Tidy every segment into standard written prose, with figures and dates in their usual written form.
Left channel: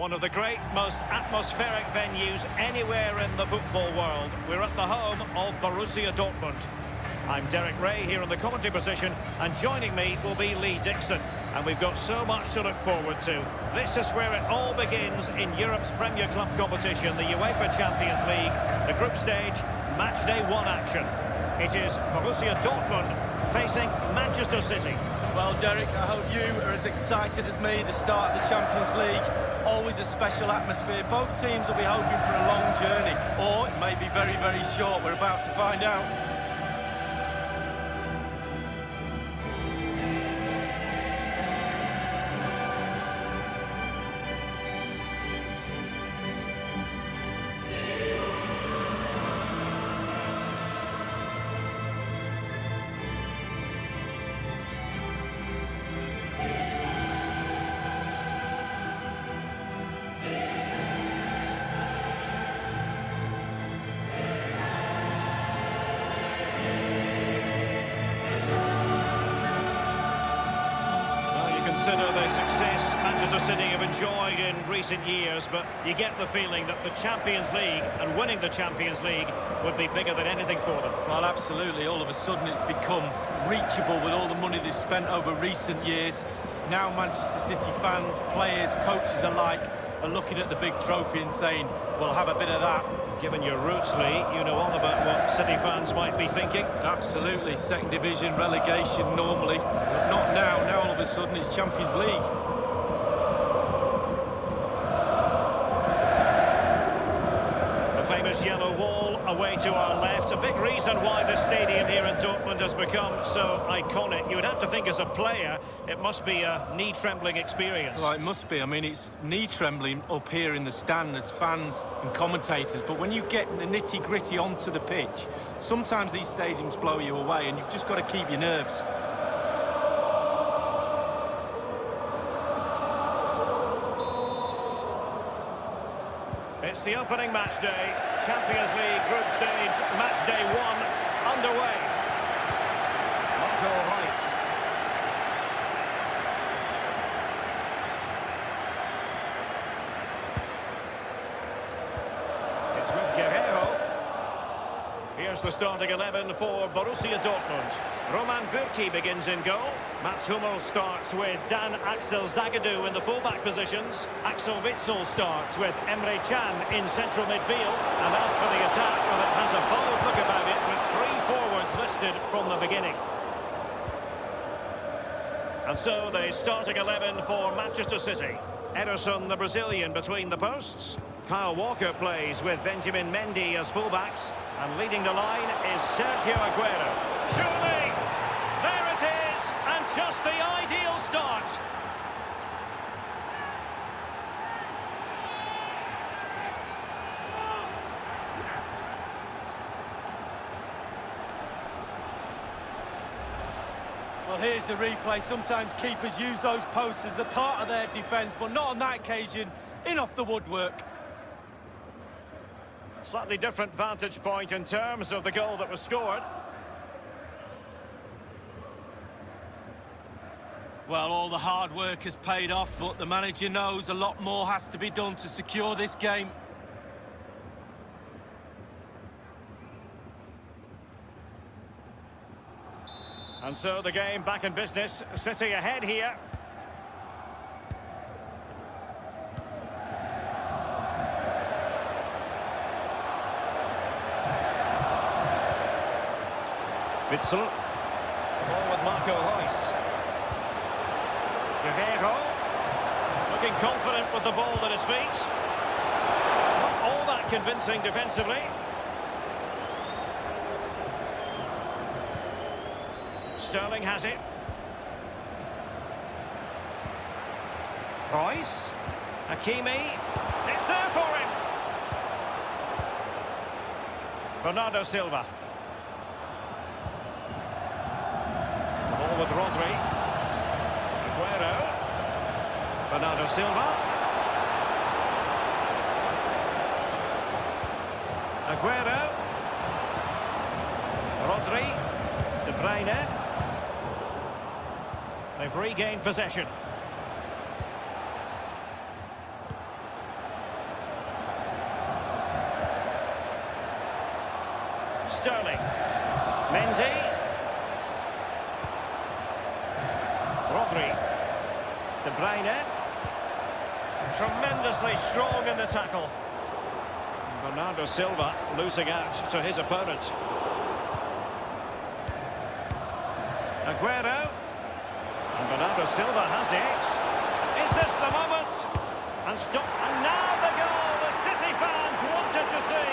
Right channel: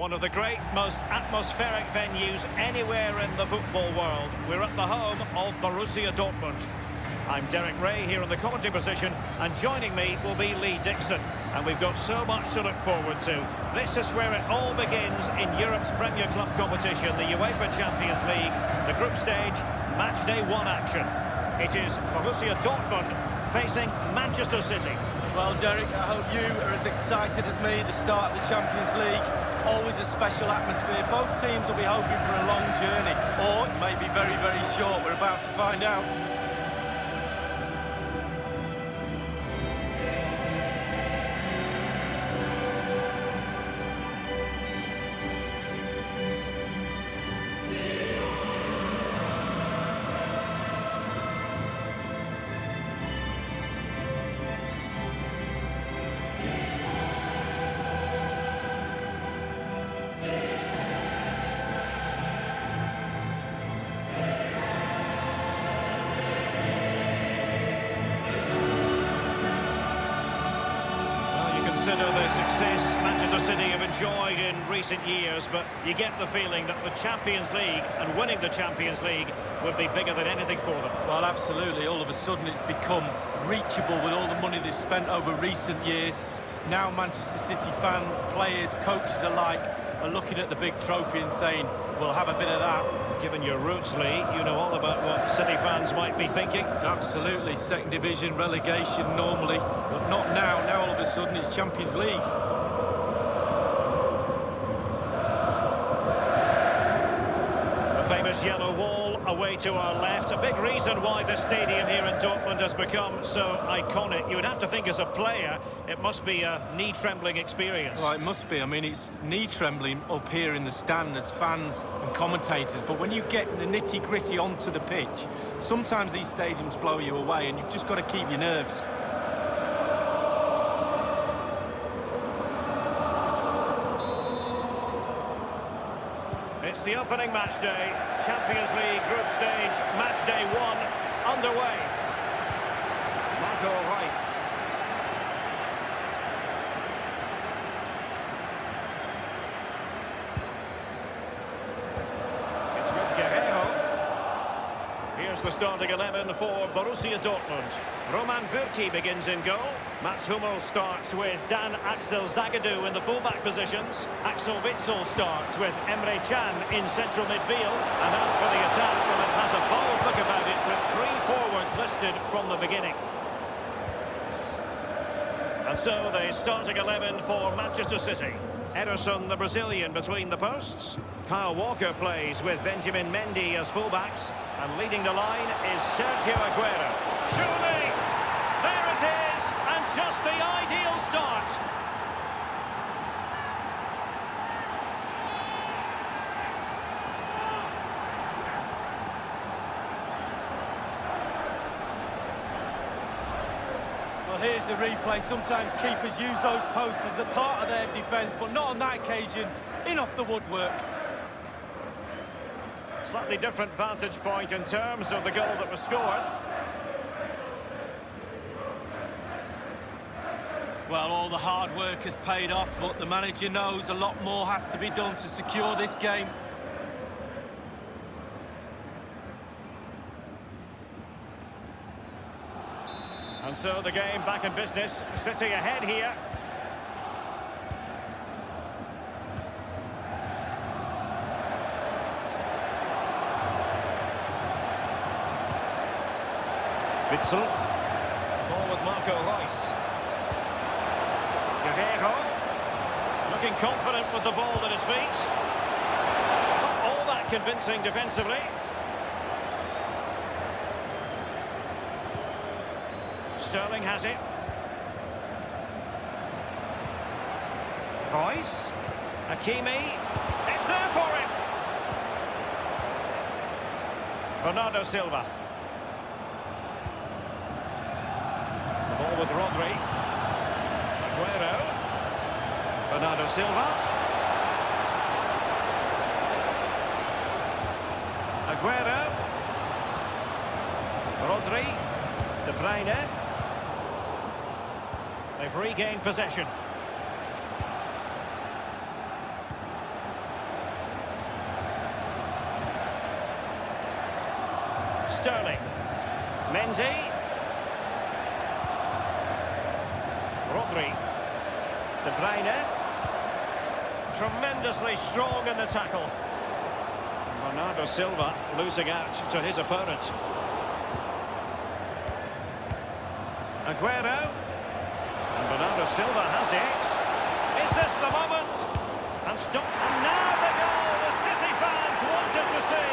One of the great, most atmospheric venues anywhere in the football world. We're at the home of Borussia Dortmund. I'm Derek Ray here in the commentary position, and joining me will be Lee Dixon. And we've got so much to look forward to. This is where it all begins in Europe's Premier Club competition, the UEFA Champions League, the group stage, match day 1 action. It is Borussia Dortmund facing Manchester City. Well, Derek, I hope you are as excited as me. The start of the Champions League, always a special atmosphere. Both teams will be hoping for a long journey, or it may be very, very short. We're about to find out. Consider the success Manchester City have enjoyed in recent years, but you get the feeling that the Champions League and winning the Champions League would be bigger than anything for them. Well, absolutely. All of a sudden it's become reachable with all the money they've spent over recent years. Now Manchester City fans, players, coaches alike are looking at the big trophy and saying, we'll have a bit of that. Given your roots, Lee, you know all about what City fans might be thinking. Absolutely. Second division, relegation normally, but not now. Now all of a sudden it's Champions League. The famous yellow wall away to our left. A big reason why the stadium here in Dortmund has become so iconic. You would have to think as a player, it must be a knee-trembling experience. Well, it must be. I mean, it's knee-trembling up here in the stand as fans and commentators. But when you get the nitty-gritty onto the pitch, sometimes these stadiums blow you away and you've just got to keep your nerves. It's the opening match day, Champions League group stage, match day 1, underway. Marco Reus. It's with Guerreiro. Here's the starting 11 for Borussia Dortmund. Roman Bürki begins in goal. Mats Hummels starts with Dan Axel Zagadou in the fullback positions. Axel Witsel starts with Emre Can in central midfield. And as for the attack, well, it has a bold look about it with 3 forwards listed from the beginning. And so the starting 11 for Manchester City. Ederson, the Brazilian, between the posts. Kyle Walker plays with Benjamin Mendy as fullbacks. And leading the line is Sergio Aguero. Surely! There it is! And just the ideal start! Well, here's the replay. Sometimes keepers use those posts as the part of their defence, but not on that occasion. In off the woodwork. Slightly different vantage point in terms of the goal that was scored. Well, all the hard work has paid off, but the manager knows a lot more has to be done to secure this game. And so the game back in business. City ahead here. Witsel. The ball with Marco Reus. Guerreiro. Looking confident with the ball at his feet. Not all that convincing defensively. Sterling has it. Reus. Hakimi. It's there for him. Bernardo Silva. The ball with Rodri. Aguero. Bernardo Silva. Aguero. Rodri. De Bruyne. They've regained possession. Mendy. Rodri. De Bruyne. Tremendously strong in the tackle. Bernardo Silva losing out to his opponent. Aguero. And Bernardo Silva has it. Is this the moment? And stop. And now the goal the City fans wanted to see.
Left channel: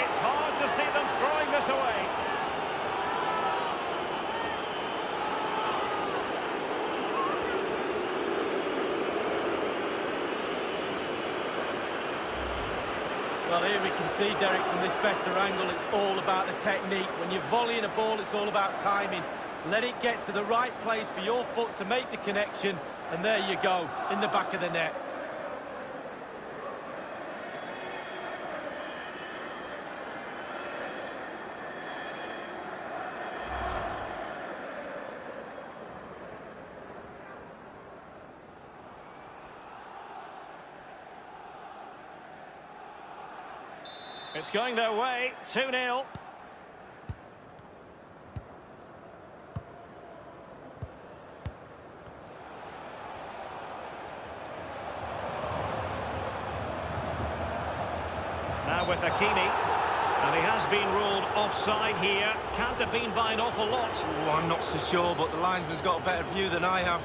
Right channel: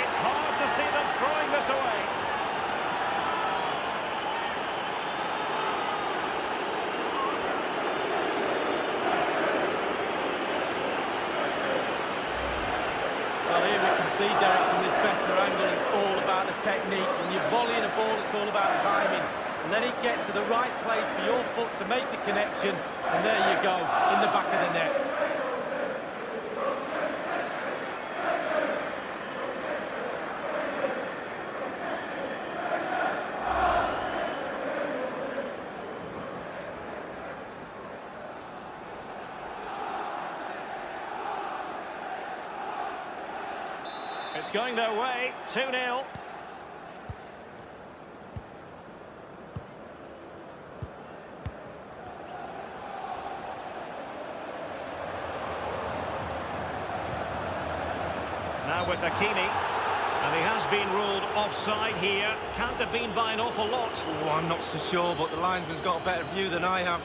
It's hard to see them throwing this away. Well, here we can see, Derek, from this better angle, it's all about the technique. When you're volleying a ball, it's all about timing. Let it get to the right place for your foot to make the connection, and there you go, in the back of the net. It's going their way, 2-0. Now with Hakimi, and he has been ruled offside here. Can't have been by an awful lot. Oh, I'm not so sure, but the linesman's got a better view than I have.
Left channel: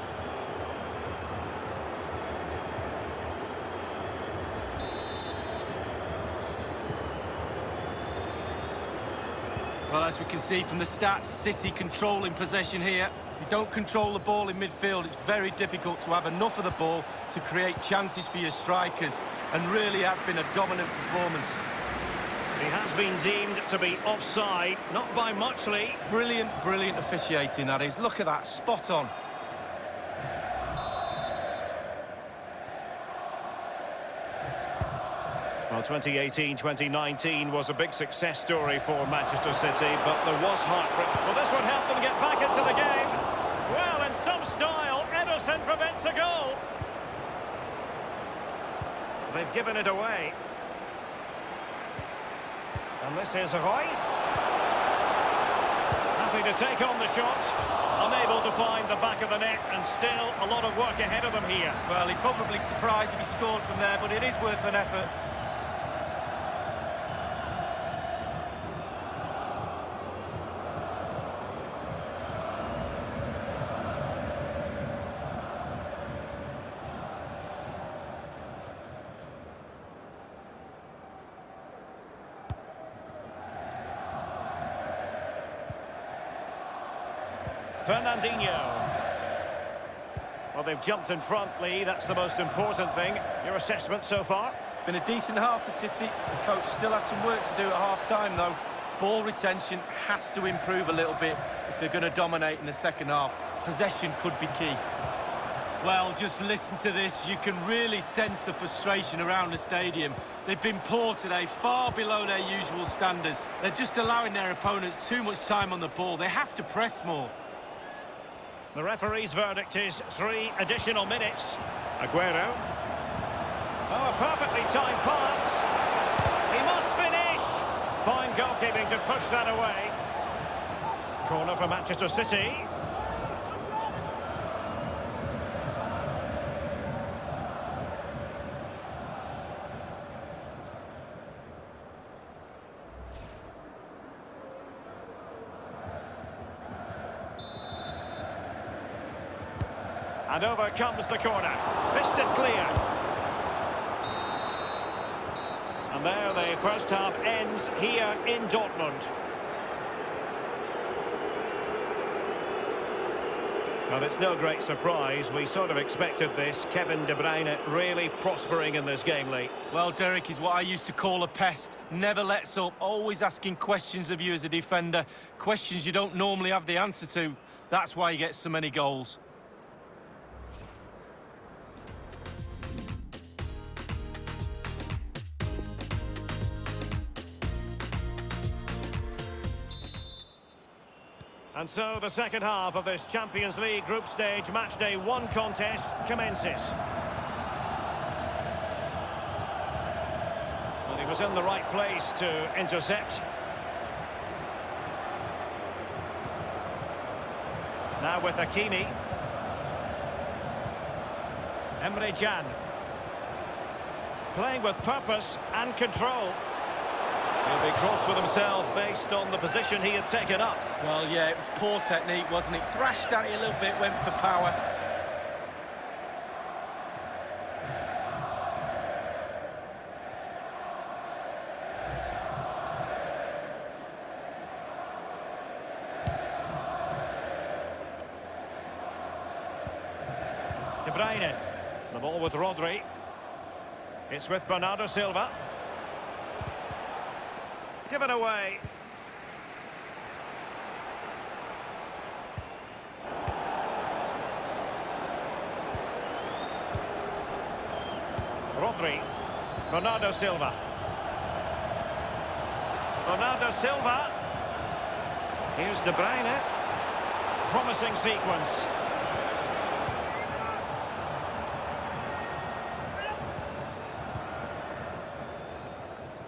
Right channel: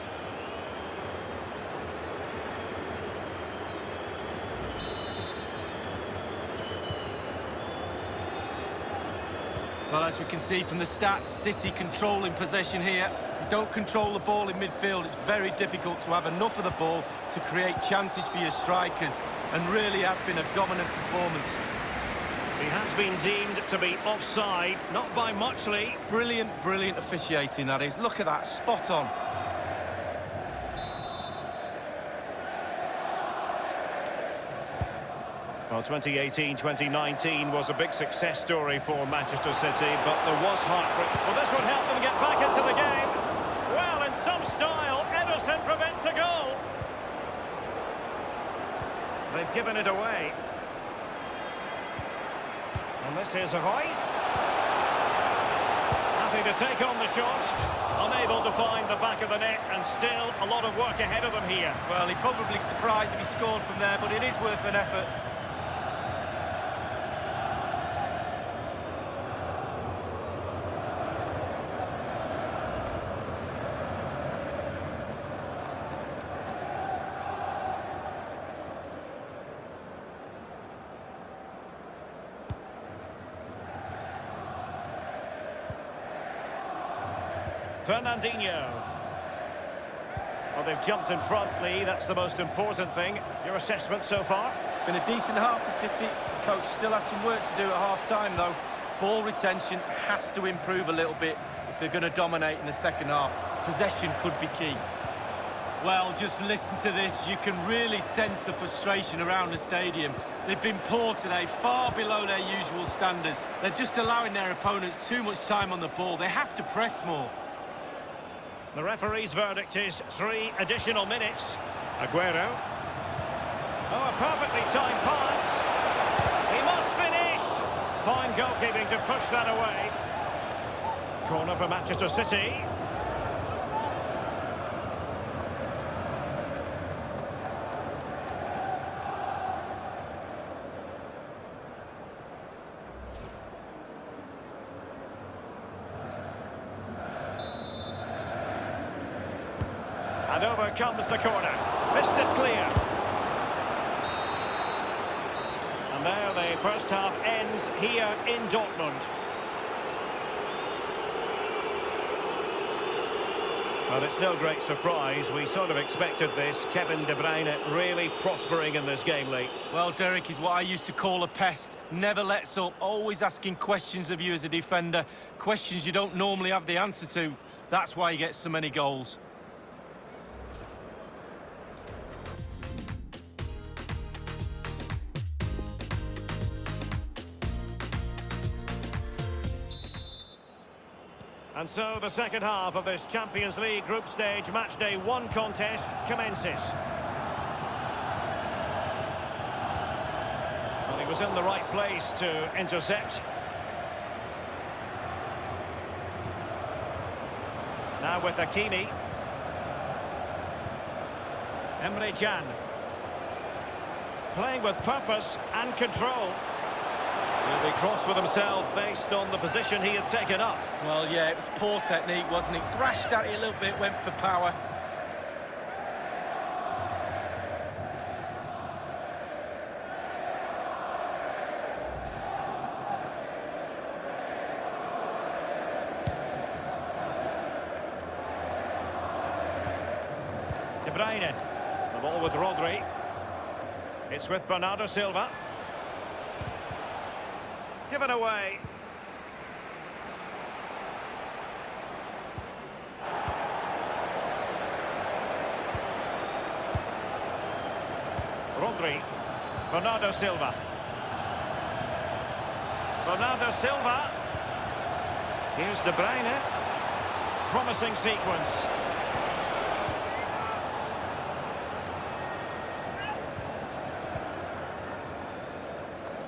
Well, as we can see from the stats, City controlling possession here. If you don't control the ball in midfield, it's very difficult to have enough of the ball to create chances for your strikers, and really has been a dominant performance. He has been deemed to be offside, not by much, Lee. Brilliant, brilliant officiating, that is. Look at that, spot on. Well, 2018-2019 was a big success story for Manchester City, but there was heartbreak. Well, this would help them get back into the game. Well, in some style, Ederson prevents a goal. They've given it away. And this is Royce. Happy to take on the shot. Unable to find the back of the net, and still a lot of work ahead of them here. Well, he'd probably surprised if he scored from there, but it is worth an effort. Fernandinho. Well, they've jumped in front, Lee. That's the most important thing. Your assessment so far? Been a decent half for City. The coach still has some work to do at half-time, though. Ball retention has to improve a little bit if they're going to dominate in the second half. Possession could be key. Well, just listen to this. You can really sense the frustration around the stadium. They've been poor today, far below their usual standards. They're just allowing their opponents too much time on the ball. They have to press more. The referee's verdict is 3 additional minutes. Aguero. Oh, a perfectly timed pass. He must finish. Fine goalkeeping to push that away. Corner for Manchester City. And over comes the corner. Fisted clear. And there the first half ends here in Dortmund. Well, it's no great surprise. We sort of expected this. Kevin De Bruyne really prospering in this game, Lee. Well, Derek is what I used to call a pest. Never lets up, always asking questions of you as a defender. Questions you don't normally have the answer to. That's why he gets so many goals. And so the second half of this Champions League group stage matchday 1 contest commences. Well, he was in the right place to intercept. Now with Hakimi. Emre Can. Playing with purpose and control. He'll be cross with himself based on the position he had taken up. Well, yeah, it was poor technique, wasn't it? Thrashed at it a little bit, went for power. De Bruyne. The ball with Rodri. It's with Bernardo Silva. Given away. Rodri. Bernardo Silva. Bernardo Silva. Here's De Bruyne. Promising sequence.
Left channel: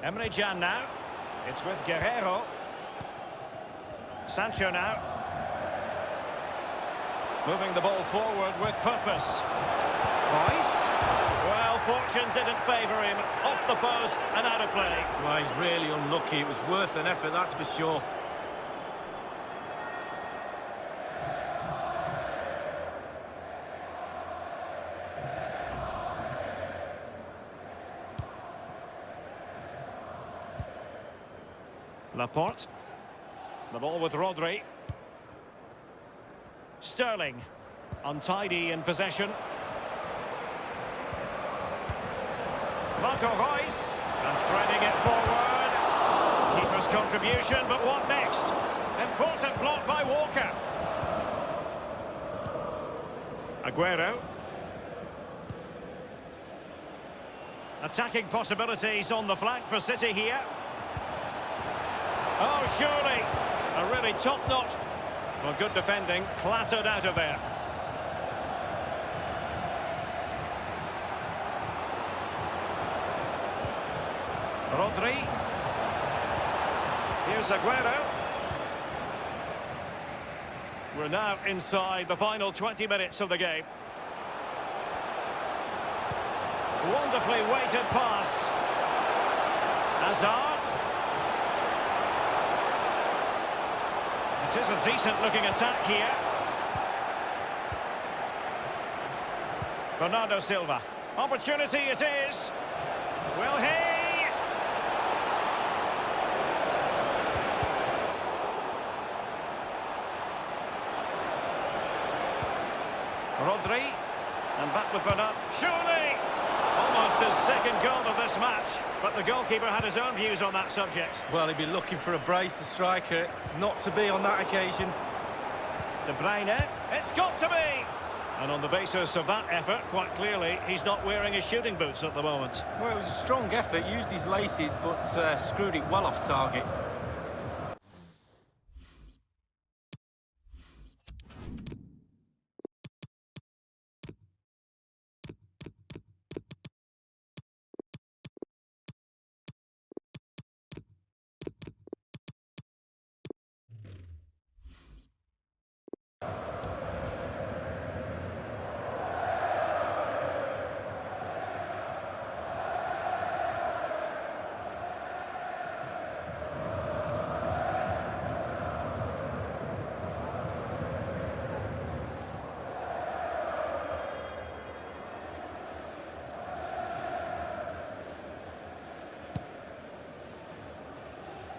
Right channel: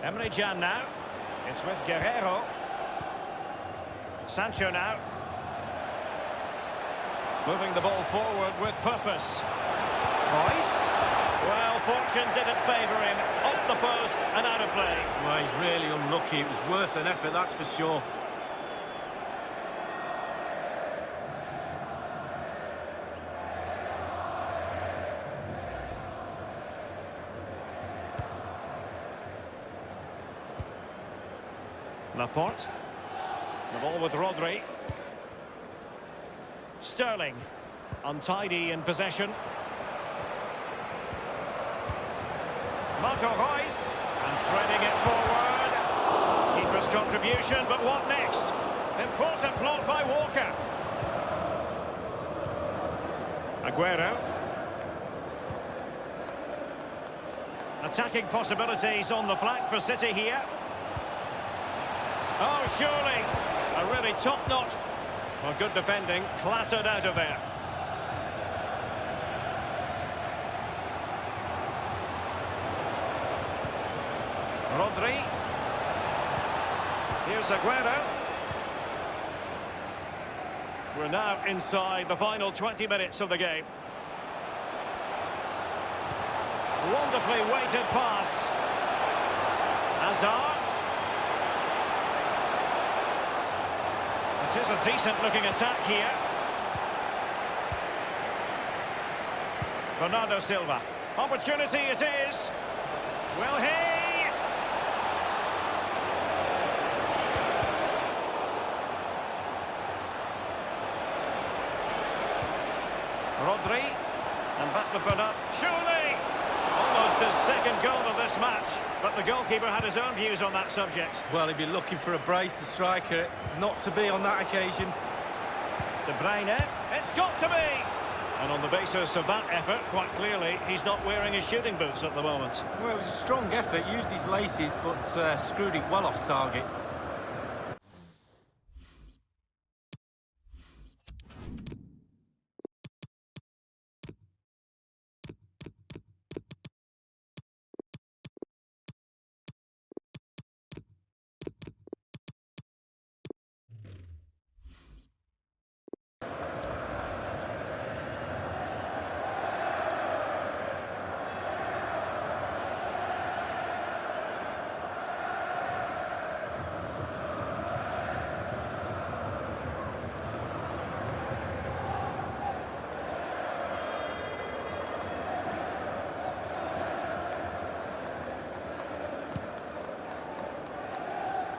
Emre Can now. It's with Guerrero. Sancho now. Moving the ball forward with purpose. Royce. Well, fortune didn't favour him. Off the post and out of play. Well, he's really unlucky. It was worth an effort, that's for sure. Laporte. The ball with Rodri. Sterling. Untidy in possession. Marco Reus. And threading it forward. Keeper's contribution, but what next? Important block by Walker. Aguero. Attacking possibilities on the flank for City here. Oh, surely. A really top-notch. Well, good defending. Clattered out of there. Rodri. Here's Aguero. We're now inside the final 20 minutes of the game. Wonderfully weighted pass. Hazard. It is a decent-looking attack here. Bernardo Silva. Opportunity it is. Will he? Rodri. And back with Bernard. Surely! Almost his second goal of this match. But the goalkeeper had his own views on that subject. Well, he'd be looking for a brace, the striker. Not to be on that occasion. De Bruyne. It's got to be! And on the basis of that effort, quite clearly, he's not wearing his shooting boots at the moment. Well, it was a strong effort. Used his laces, but screwed it well off target.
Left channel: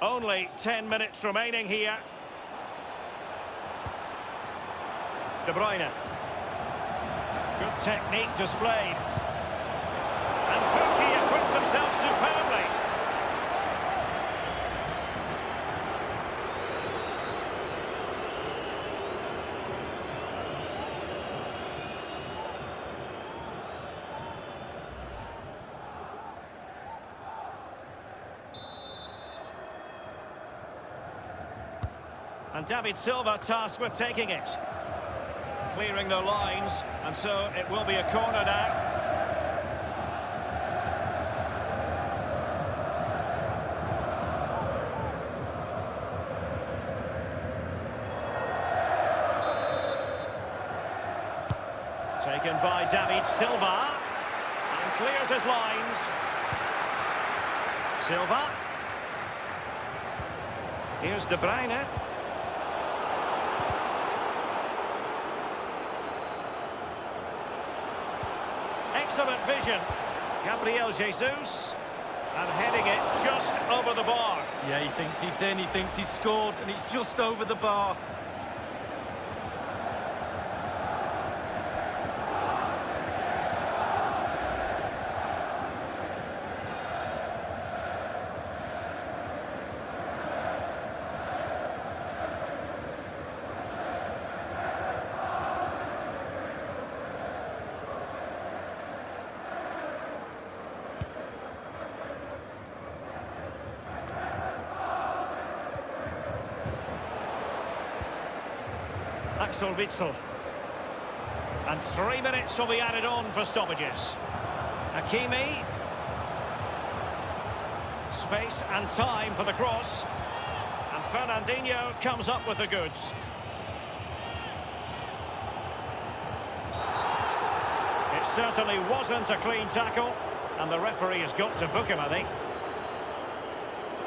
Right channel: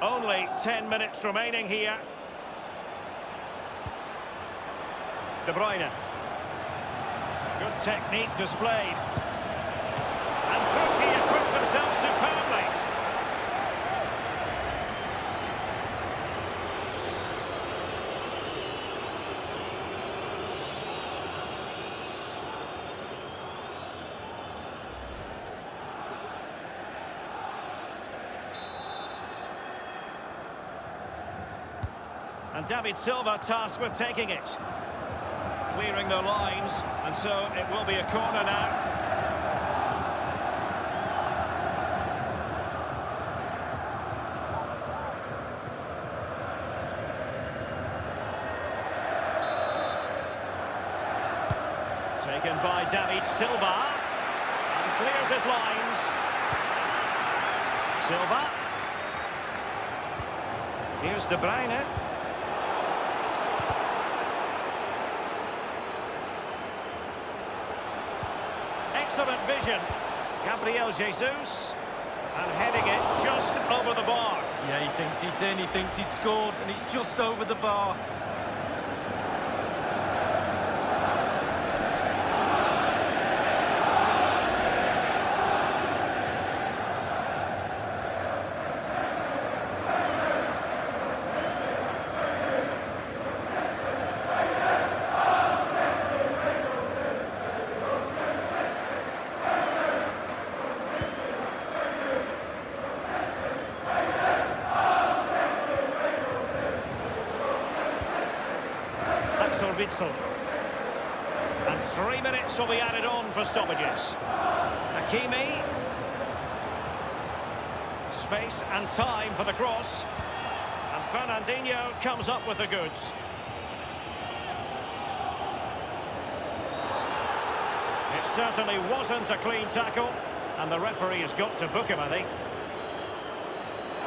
Only 10 minutes remaining here. De Bruyne. Good technique displayed. And Pukki acquits himself superbly. And David Silva tasked with taking it. Clearing the lines, and so it will be a corner now. Taken by David Silva. And clears his lines. Silva. Here's De Bruyne. Excellent vision. Gabriel Jesus. And heading it just over the bar. Yeah, he thinks he's in, he thinks he's scored, and it's just over the bar. Axel Witsel. And 3 minutes will be added on for stoppages. Hakimi. Space and time for the cross. And Fernandinho comes up with the goods. It certainly wasn't a clean tackle, and the referee has got to book him, I think.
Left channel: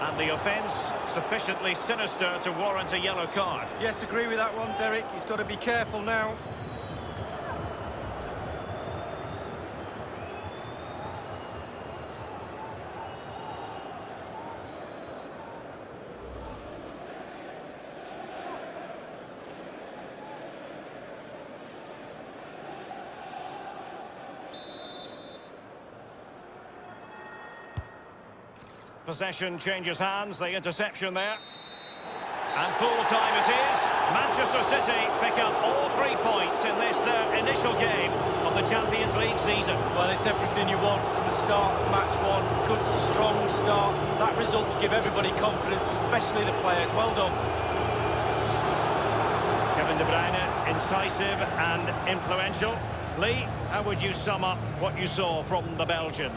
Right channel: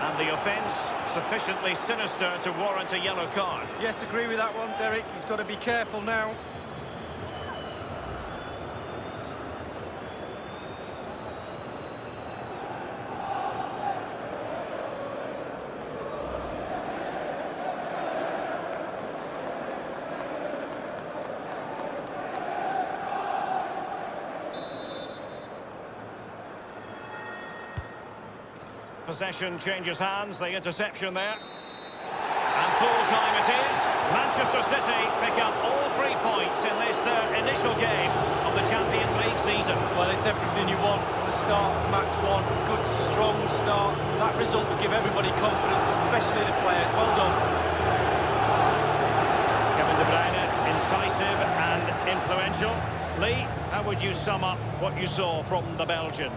And the offence sufficiently sinister to warrant a yellow card. Yes, agree with that one, Derek. He's got to be careful now. Possession changes hands, the interception there. And full time it is. Manchester City pick up all 3 points in this, their initial game of the Champions League season. Well, it's everything you want from the start of match one. Good, strong start. That result will give everybody confidence, especially the players. Well done. Kevin De Bruyne, incisive and influential. Lee, how would you sum up what you saw from the Belgian?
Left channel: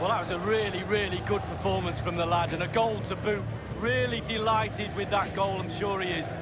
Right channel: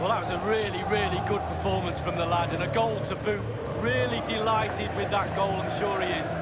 Well, that was a really, really good performance from the lad, and a goal to boot. Really delighted with that goal, I'm sure he is.